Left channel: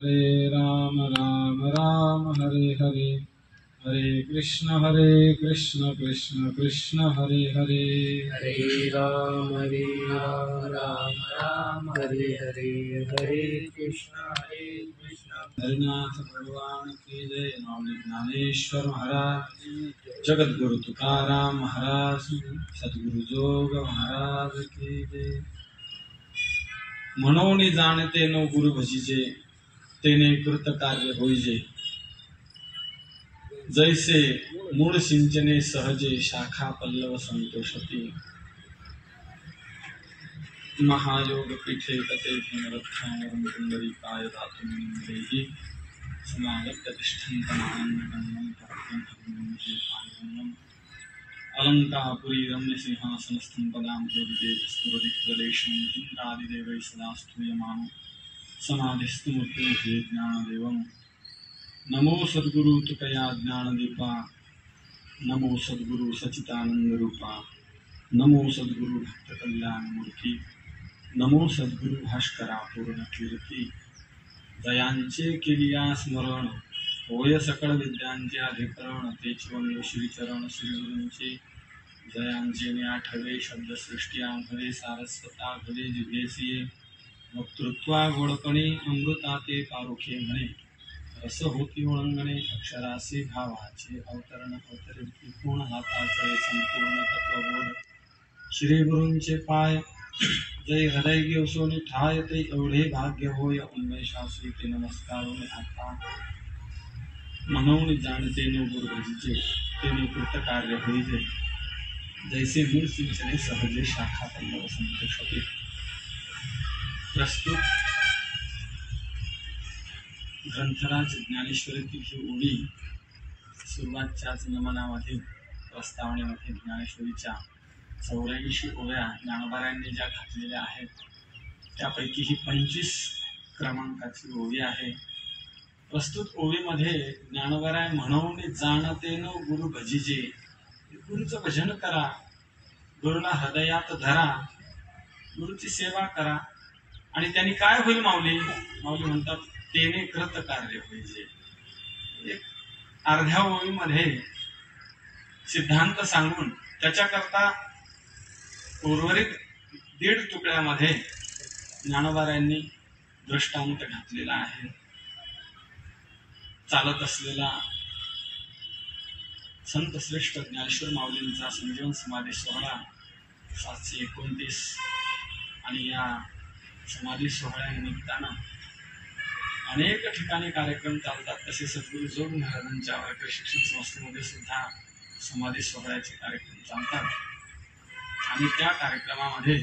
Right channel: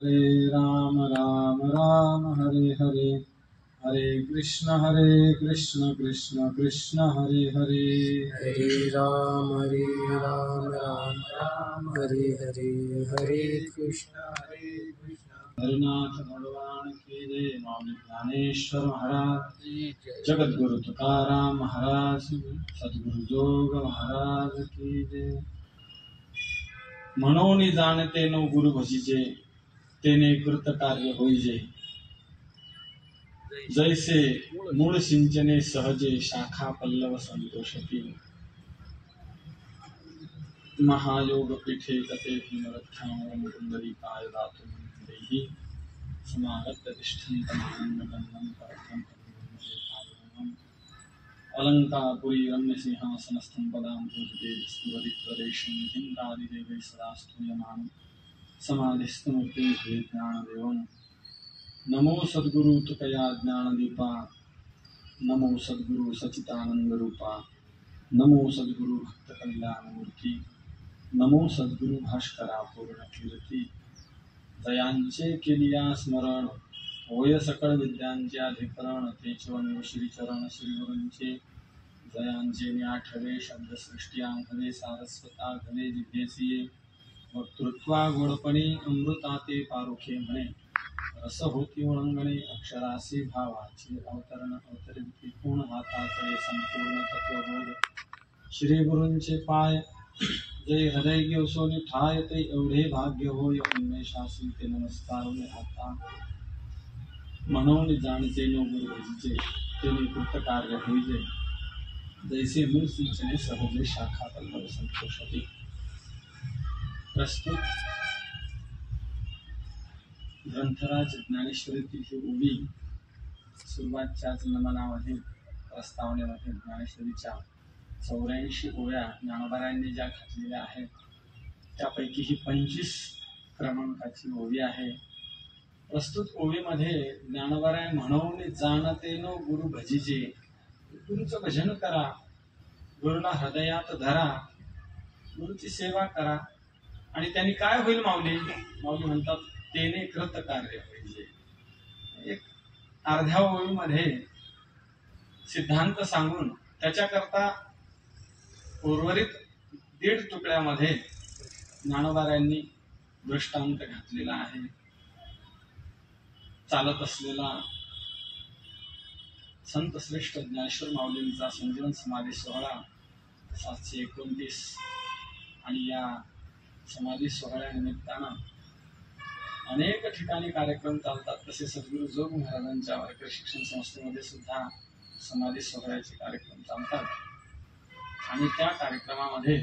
हरे राम राम राम हरे हरे, हरे कृष्ण कृष्ण कृष्ण हरे हरे, हरे राम राम राम हरे हरे, हरे कृष्ण कृष्ण। हरिनाथ भगवान की जय। स्वामी ज्ञानेश्वर महाराज, जगद्गुरु तुकाराम महाराज, सद्गुरु जोग महाराज की जय। म्हणून जाणते नो गुरु भजिजे, तेने कृत कार्य होईजे। जैसे मूळ सिंचने सहजे, शाखा पल्लव संतोषती। महायोग पीठे कते भीमरथां कुंडलिकाय दातुमिन्द्रैः, समागत्य तिष्ठन्तमानन्दगण्यं परब्रह्मं। अलङ्कारपुरी रम्यसिंहासनस्थं पदां ज्योतितेजस्फुरदिप्रदेशं इन्द्रादिदेवैः सदा स्तूयमानं समाधिस्थमूर्तिं ज्ञानदेवम्। नमो सद्गुरु तुकया ज्ञानदीपा, नमो सद्गुरु सचितानंद रूपा, नमो सद्गुरु भक्त कल्याण मूर्ती, नमो सद्गुरु भास्करा पूर्ण कीर्ती। जयांचे केलिया स्मरण, होय सकळ विद्यांचे अधिकरण। तेचवमेव श्रीचरण श्रीगुरूंचे, जयांचे ने आठवे शब्दसृष्टी आंघवे। सारस्वता घवे जिभेसिये, वक्तृत्वा गोडपणे अमृताते पारुखे म्हणे। रस होती ओळंगणे, अक्षरासी भावाचे अवतरण अवतरित पूर्ण हाताचे संपूर्ण तत्वबोध। श्री गुरूंचे पाय जय हृदय घेवसोनी ठाय, ते एवढे भाग्य होय उन्मेषासी ते नमस्कारून आता। म्हणून जाणते नो गुरु भजिजे, तेने कृत कार्य होईजे। जैसे मूळ सिंचने सहजे, शाखा पल्लव संतोषते। प्रस्तुत ग्रंथराज ज्ञानेश्वरीतील ही ओवी सुरुवातच्याच नमनामध्ये, प्रस्तावनेमध्ये ज्ञानेश्वरीच्या 84 ओव्या ज्ञानोबारायांनी ज्या घातलेल्या आहेत, त्यापैकी ही 25 क्रमांकाची ओवी आहे। प्रस्तुत ओवीमध्ये ज्ञानोबाराय म्हणून जाणते नो गुरु भजिजे, गुरुचं भजन करा, गुरुला हृदयात धरा, गुरुची सेवा करा। आणि त्यांनी काय होईल माऊली? माऊली म्हणतात तेने कृत कार्य होईजे। एक अर्ध्या ओळीमध्ये सिद्धांत सांगून त्याच्याकरता उर्वरित 1.5 तुकड्यामध्ये ज्ञानोबारायांनी दृष्टांत घातलेला आहे। चालत असलेला संत श्रेष्ठ ज्ञानेश्वर माऊलींचा संजीवन समाधी सोहळा 729, आणि या समाधी सोहळ्यानिमित्तानं अनेक ठिकाणी कार्यक्रम चालतात। तसे सद्गुरु जोग महाराजांच्या वारकरी शिक्षण संस्थेमध्ये सुद्धा समाधी सोहळ्याचे कार्यक्रम चालतात। आणि त्या कार्यक्रमामध्ये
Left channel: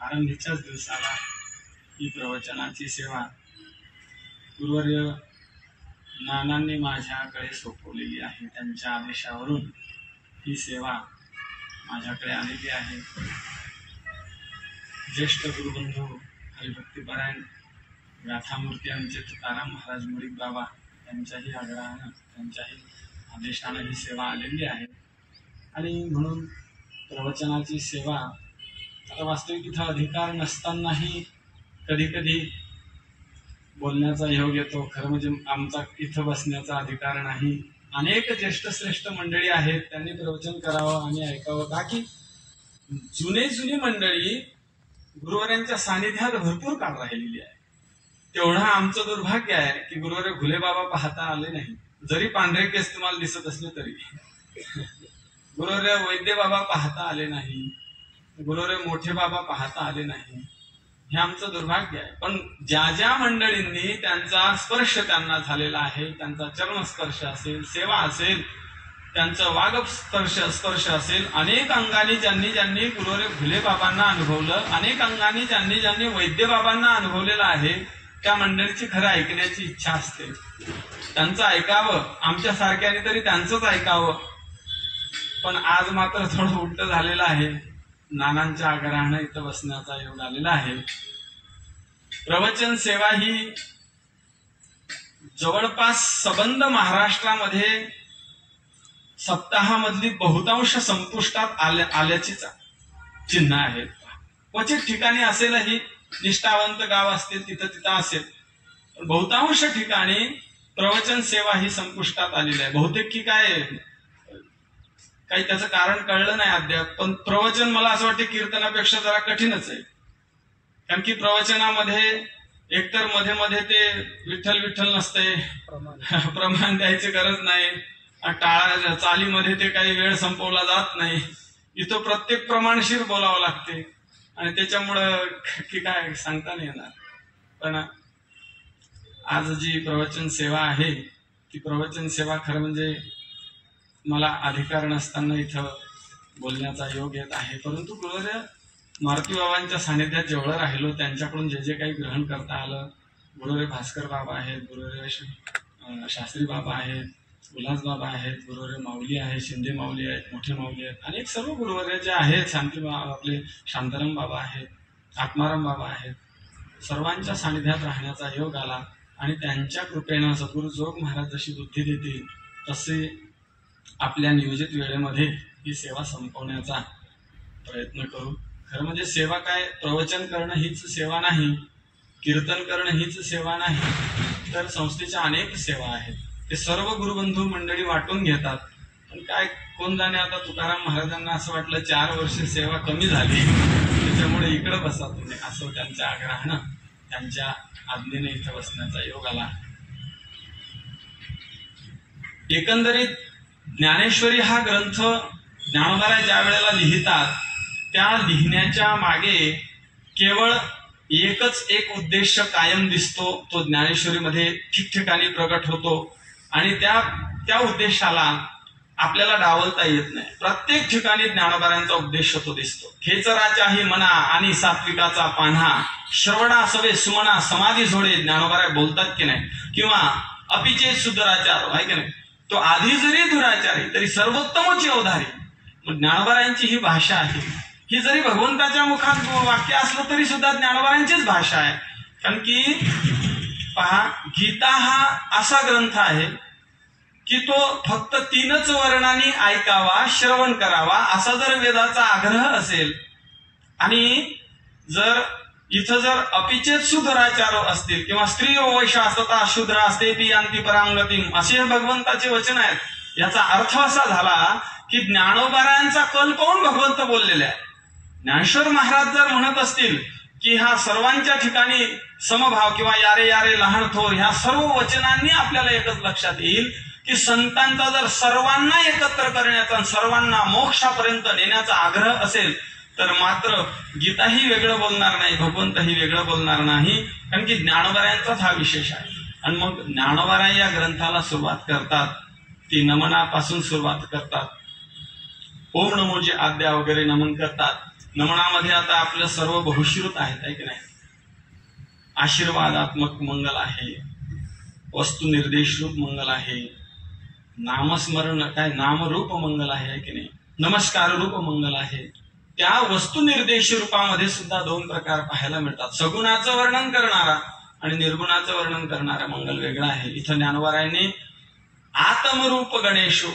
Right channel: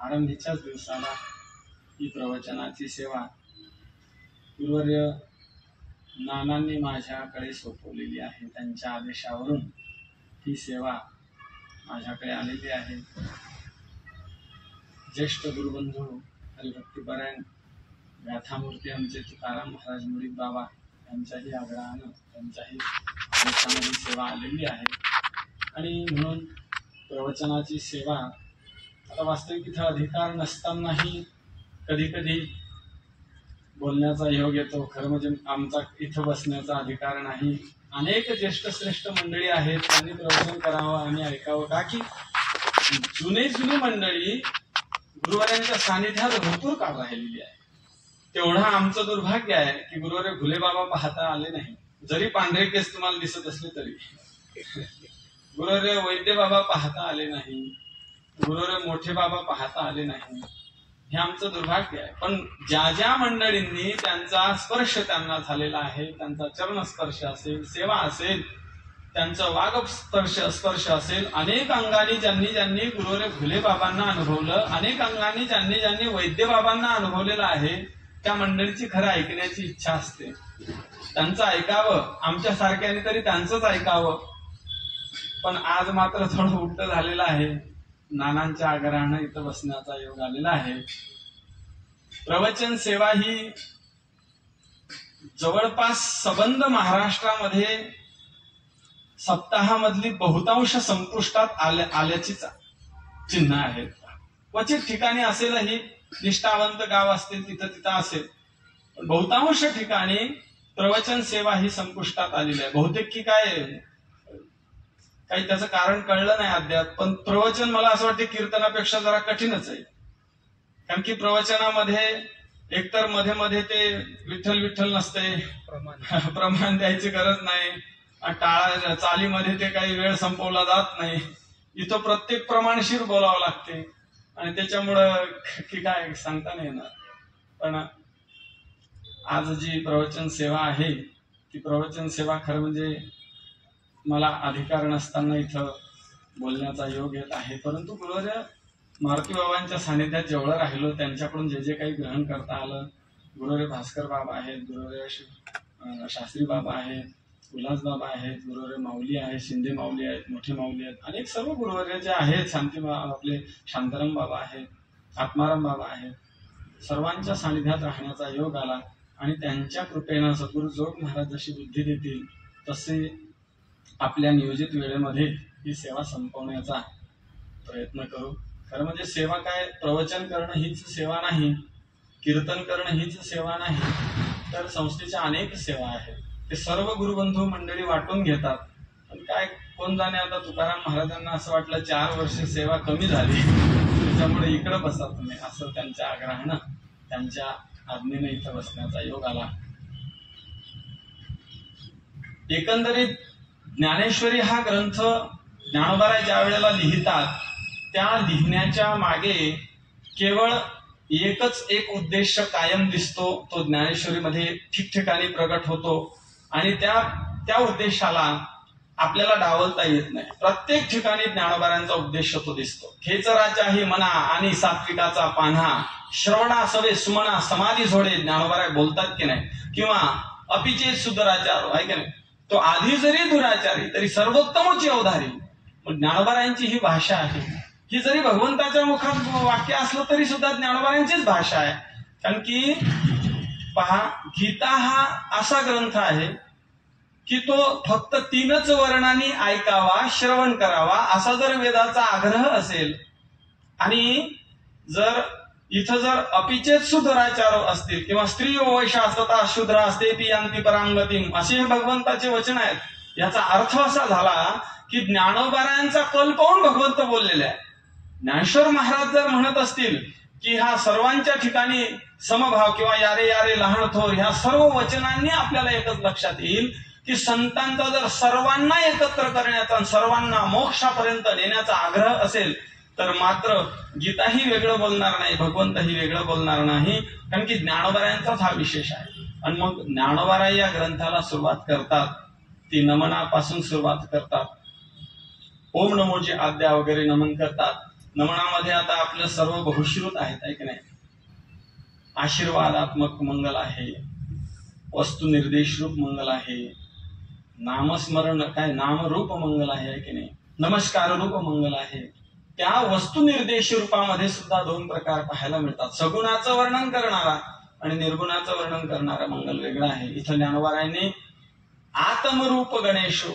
आरंभीच्याच दिवसाला ही प्रवचनाची सेवा गुरुवर्य नानांनी माझ्याकडे सोपवलेली आहे। त्यांच्या आदेशावरून ही सेवा माझ्याकडे आलेली आहे। ज्येष्ठ गुरुबंधू हरिभक्तीपरायण गाथामूर्ती आमचे तुकाराम महाराज मुळीक बाबा यांच्याही आग्रहानं, त्यांच्याही आदेशाने ही सेवा आलेली आहे। आणि म्हणून प्रवचनाची सेवा, आता वास्तविक इथं अधिकार नसतानाही कधी कधी बोलण्याचा योग येतो। खरं म्हणजे आमचा इथं बसण्याचा अधिकार नाही। अनेक ज्येष्ठ श्रेष्ठ मंडळी आहेत, त्यांनी प्रवचन करावं आणि ऐकावं, का की जुनी मंडळी गुरुवारांच्या सानिध्यात भरपूर काळ राहिलेली आहे। तेवढं आमचं दुर्भाग्य आहे की गुरुवार घुले बाबा पाहता आले नाही, जरी पांढरे केस तुम्हाला दिसत असले तरी। गुरुवार वैद्य बाबा पाहता आले नाही, गुरुवार मोठे बाबा पाहता आले नाही, हे आमचं दुर्भाग्य आहे। पण ज्या ज्या मंडळींनी त्यांचा स्पर्श त्यांना झालेला आहे, त्यांचा चरणस्पर्श असेल, सेवा असेल, त्यांचं वाग स्पर्श असेल, अनेक अंगाने ज्यांनी गुरुवार घुले बाबांना अनुभवलं, अनेक अंगाने ज्यांनी वैद्य बाबांना अनुभवलेलं आहे, त्या मंडळीची खरं ऐकण्याची इच्छा असते। त्यांचं ऐकावं, आमच्या सारख्याने तरी त्यांचंच ऐकावं। पण आज मात्र थोडं उलट झालेलं आहे। नानांच्या आग्रहानं इथं बसण्याचा योग आलेला आहे। प्रवचन सेवा ही जवळपास सबंध महाराष्ट्रामध्ये सप्ताहामधली बहुतांश संपुष्टात आल्याची चिन्ह आहेत। क्वचित ठिकाणी असेलही, निष्ठावंत गाव असतील तिथं असेल, बहुतांश ठिकाणी प्रवचन सेवा ही संपुष्टात आलेली आहे. बहुतेक की काही त्याचं कारण कळलं नाही अद्याप, पण प्रवचन मला असं वाटतं कीर्तनापेक्षा जरा कठीणच आहे. कारण की प्रवचनामध्ये एकतर मध्ये मध्ये ते विठ्ठल विठ्ठल नसते, प्रमाण द्यायची गरज नाही, टाळा चालीमध्ये ते काही वेळ संपवला जात नाही. इथं प्रत्येक प्रमाणशीर बोलावं लागते आणि त्याच्यामुळं की काय सांगता नाही येणार. पण आज जी प्रवचन सेवा आहे ती प्रवचन सेवा खरं म्हणजे मला अधिकार नसताना इथं बोलण्याचा योग येत आहे. परंतु गुरुवर्य मारुती बाबांच्या सानिध्यात जेवढं राहिलो त्यांच्याकडून जे जे काही ग्रहण करता आलं, गुरुवर्य भास्कर बाबा आहेत, गुरुवर्य शास्त्री बाबा आहेत, उल्हास बाबा आहेत, गुरुवर्य माऊली आहेत, शिंदे माऊली आहेत, मोठे माऊली आहेत, अनेक सर्व गुरुवर्य जे आहेत, शांती आपले शांताराम बाबा आहेत, आत्माराम बाबा आहेत, सर्वांच्या सानिध्यात राहण्याचा योग आला आणि त्यांच्या कृपेनं सद्गुरु जोग महाराज जशी बुद्धी देतील तसे आपल्या नियोजित वेळेमध्ये ही सेवा संपवण्याचा प्रयत्न करू. खरं म्हणजे सेवा काय, प्रवचन करणं हीच सेवा नाही, कीर्तन करणं हीच सेवा नाही, तर संस्थेच्या अनेक सेवा आहेत. ते सर्व गुरुबंधू मंडळी वाटून घेतात. पण काय कोण जाणे, आता तुकाराम महाराजांना असं वाटलं 4 वर्ष सेवा कमी झाली त्याच्यामुळे इकडे बसा तुम्ही, असं त्यांच्या आग्रहानं त्यांच्या आज्ञेने इथं बसण्याचा योग आला. एकंदरीत ज्ञानेश्वरी हा ग्रंथ ज्ञानोबाराय ज्या वेळेला लिहितात त्या लिहिण्याच्या मागे केवळ एकच एक उद्देश कायम दिसतो, तो ज्ञानेश्वरीमध्ये ठिकठिकाणी प्रकट होतो आणि त्या उद्देशाला आपल्याला डावलता येत नाही. प्रत्येक ठिकाणी ज्ञानोबारायांचा उद्देश तो दिसतो. खेचराच्याही मना आणि सात्विकाचा पान्हा, श्रवणा सवे सुमना समाधी झोडे, ज्ञानोबाराय बोलतात की नाही. किंवा अपिचे सुधराचार आहे की नाही, तो आधी जरी दुराचारी तरी सर्वोत्तमची अवधारी. मग ज्ञानोबारायांची ही भाषा आहे. ही जरी भगवंताच्या मुखात वाक्य असलं तरी सुद्धा ज्ञानोबारायांचीच भाषा आहे. कारण की पहा, गीता हा असा ग्रंथ आहे की तो फक्त 3च वर्णांनी ऐकावा, श्रवण करावा असा जर वेदाचा आग्रह असेल आणि जर इथं जर अपिचेत सुधराचार असतील किंवा स्त्री वैश्य असता शूद्र असते ती यांती परांगती असे भगवंताचे वचन आहेत, याचा अर्थ असा झाला की ज्ञानोबारायांचा कल पाहून भगवंत बोललेले आहे. ज्ञानेश्वर महाराज जर म्हणत असतील की हा सर्वांच्या ठिकाणी समभाव किंवा यारे यारे लहान थोर ह्या सर्व वचनांनी आपल्याला एकच लक्षात येईल की संतांचा जर सर्वांना एकत्र करण्याचा सर्वांना मोक्षापर्यंत नेण्याचा आग्रह असेल तर मात्र गीताही वेगळं बोलणार नाही, भगवंतही वेगळं बोलणार नाही. कारण की ज्ञानोबारायांचाच हा विशेष आहे. आणि मग ज्ञानोबाराय या ग्रंथाला सुरुवात करतात ती नमनापासून सुरुवात करतात. ओम नमोची आद्या वगैरे नमन करतात. नमनामध्ये आता आपलं सर्व बहुश्रुत आहेत, आहे की नाही. आशीर्वादात्मक मंगल आहे, वस्तुनिर्देश रूप मंगल आहे, नामस्मरण काय नामरूप मंगल आहे की नाही, नमस्कार रूप मंगल आहे. त्या वस्तुनिर्देश रूपामध्ये सुद्धा 2 प्रकार पाहायला मिळतात. सगुणाचं वर्णन करणारा आणि निर्गुणाचं वर्णन करणारा मंगल वेगळा आहे. इथं ज्ञानोबारायांनी आत्मरूप गणेशो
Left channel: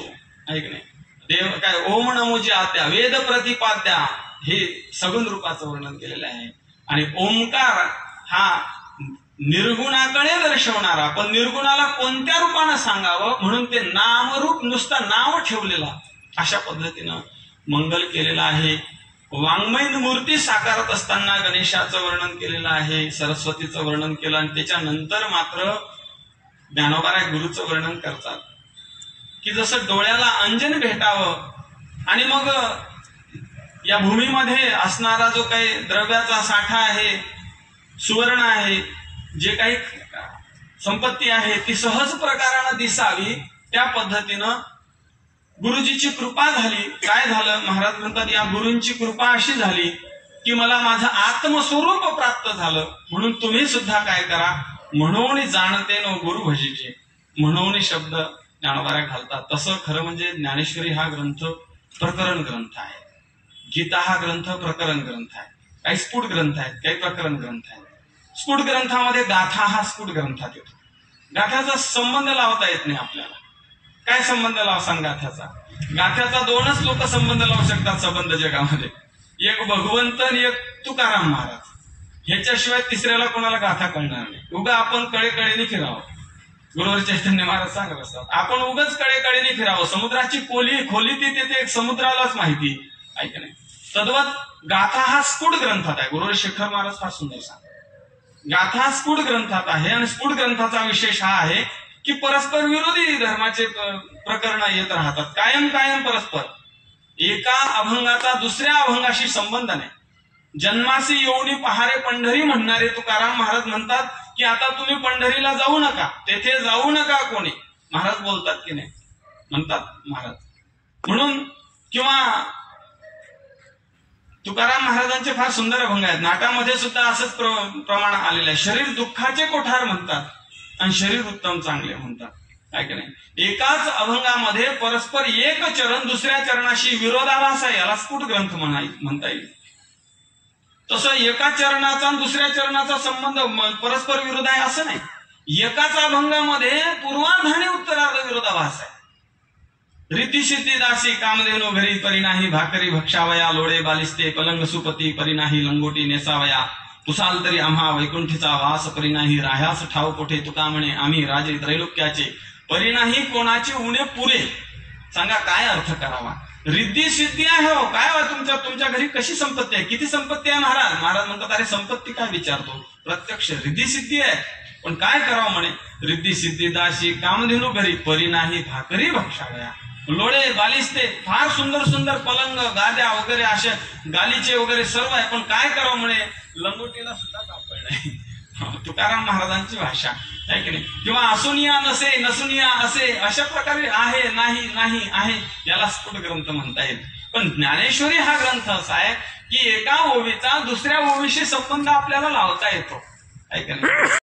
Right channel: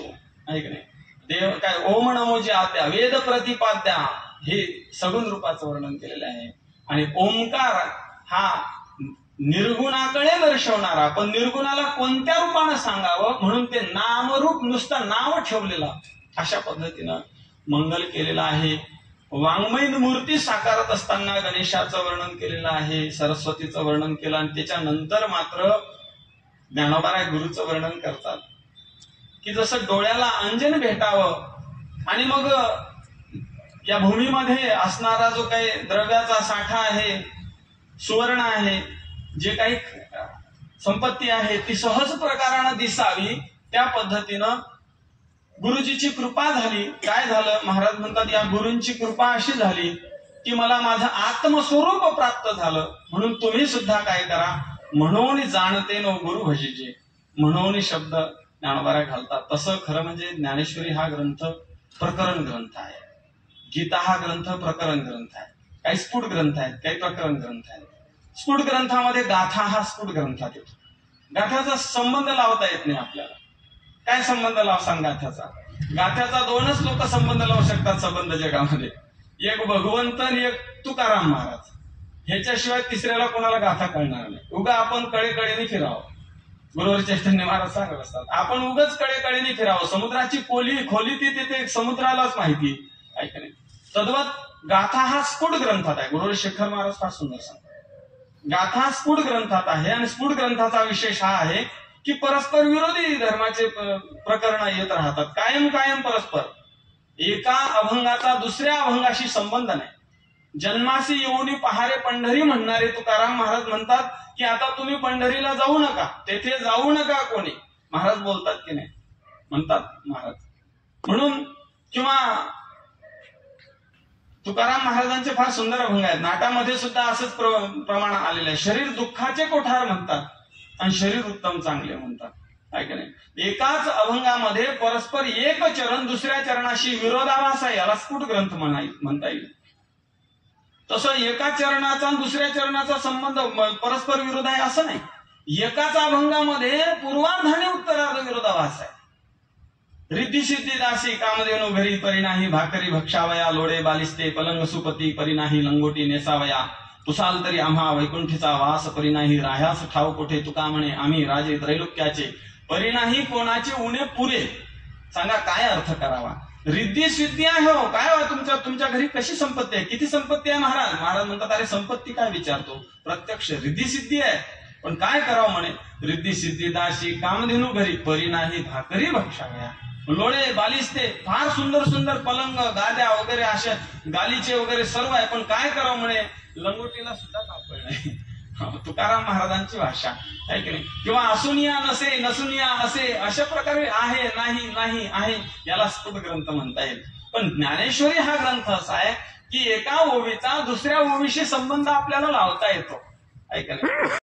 आहे की नाही, देव काय ओम नमोजी आद्या वेद प्रतिपाद्या हे सगुण रूपाचं वर्णन केलेलं आहे. आणि ओंकार हा निर्गुणाकडे दर्शवणारा, पण निर्गुणाला कोणत्या रूपानं सांगावं म्हणून ते नामरूप नुसतं नाव ठेवलेला अशा पद्धतीनं मंगल केलेलं आहे. वाङ्मय मूर्ती साकारत असताना गणेशाचं वर्णन केलेलं आहे, सरस्वतीचं वर्णन केलं आणि त्याच्यानंतर मात्र ज्ञानोबाराय गुरुचं वर्णन करतात की जसं डोळ्याला अंजन भेटावं आणि मग या भूमीमध्ये असणारा जो काही द्रव्याचा साठा आहे, सुवर्ण आहे, जे काही संपत्ती आहे ती सहज प्रकारानं दिसावी त्या पद्धतीनं गुरुजीची कृपा झाली. काय झालं, महाराज म्हणतात या गुरूंची कृपा अशी झाली की मला माझं आत्मस्वरूप प्राप्त झालं. म्हणून तुम्ही सुद्धा काय करा, म्हणून जाणते नो गुरु भजीचे, म्हणून शब्द ज्ञानोबाराय घालतात. तसं खरं म्हणजे ज्ञानेश्वरी हा ग्रंथ प्रकरण ग्रंथ आहे, गीता हा ग्रंथ प्रकरण ग्रंथ आहे. काही स्फुट ग्रंथ आहेत, काही प्रकरण ग्रंथ आहेत. स्फुट ग्रंथामध्ये गाथा हा स्फुट ग्रंथात येतो. गाथ्याचा संबंध लावता येत नाही आपल्याला. काय संबंध लावसान गाथ्याचा? गाथ्याचा 2च लोक संबंध लावू शकतात संबंध जगामध्ये, एक भगवंत आणि एक तुकाराम महाराज. ह्याच्याशिवाय तिसऱ्याला कोणाला गाथा कळणार नाही. उगा आपण कळेकळेने फिरावं. गुरुवर चैतन्य महाराज सांगत असतात, आपण उगाच कळेकळेने फिरावं. समुद्राची खोली ती ते समुद्रालाच माहिती आहे का नाही. तद्वत गाथा हा स्फुट ग्रंथात आहे. गुरुवर शेखर महाराज फार सुंदर सांगतात, गाथा स्फुट ग्रंथात आहे. आणि स्फुट ग्रंथाचा विशेष हा आहे की परस्पर विरोधी धर्माचे प्रकरण येत राहतात, कायम परस्पर. एका अभंगाचा दुसऱ्या अभंगाशी संबंध नाही. जन्मासी येऊनी पहारे पंढरी म्हणणारे तुकाराम महाराज म्हणतात की आता तुम्ही पंढरीला जाऊ नका, तेथे जाऊ नका कोणी. महाराज बोलतात की नाही, म्हणतात महाराज. म्हणून किंवा तुकाराम महाराजांचे फार सुंदर अभंग आहेत. नाटामध्ये सुद्धा असंच प्रमाण आलेलं आहे. शरीर दुःखाचे कोठार म्हणतात आणि शरीर उत्तम चांगले म्हणतात, आहे की नाही. एकाच अभंगामध्ये परस्पर एक चरण दुसऱ्या चरणाशी विरोधाभास आहे, याला स्फुट ग्रंथ म्हणता येईल. तसं एका चरणाचा आणि दुसऱ्या चरणाचा संबंध परस्पर विरोध आहे असं नाही. एकाच अभंगामध्ये पूर्वार्ध आणि उत्तरार्ध विरोधाभास आहे. रीती सिद्धी दासी कामधेनु घरी परी नाही भाकरी भक्षावया लोळे बालिस्ते पलंग सुपती परी नाही लंगोटी नेसावया तुसाल तरी आम्हा वैकुंठीचा वास परी नाही राह्यास ठाव कोठे तुका म्हणे आम्ही राजे त्रैलोक्याचे परी नाही कोणाचे उणे पुरे. सांगा काय अर्थ करावा. रिद्धी सिद्धी आहे हो, काय तुमच्या घरी कशी संपत्ती आहे, किती संपत्ती आहे. महाराज म्हणतात अरे संपत्ती काय विचारतो, प्रत्यक्ष रिद्धी सिद्धी आहे. पण काय करावं म्हणे, रिद्धी सिद्धी दासी कामधेनु घरी परी नाही भाकरी भक्षावया लोळे बालिस्ते. फार सुंदर पलंग गाद्या वगैरे अशा गालीचे वगैरे सर्व आहे, पण काय करावं म्हणे, लंगोटीला सुद्धा कापड नाही. तुकाराम महाराजांची भाषा आहे की नाही. किंवा असुनिया नसे नसुनिया असे अशा प्रकारे आहे नाही आहे, याला स्फुट ग्रंथ म्हणता येईल. पण ज्ञानेश्वरी हा ग्रंथ असा आहे की एका ओवीचा दुसऱ्या ओवीशी संबंध आपल्याला लावता येतो, आहे की नाही.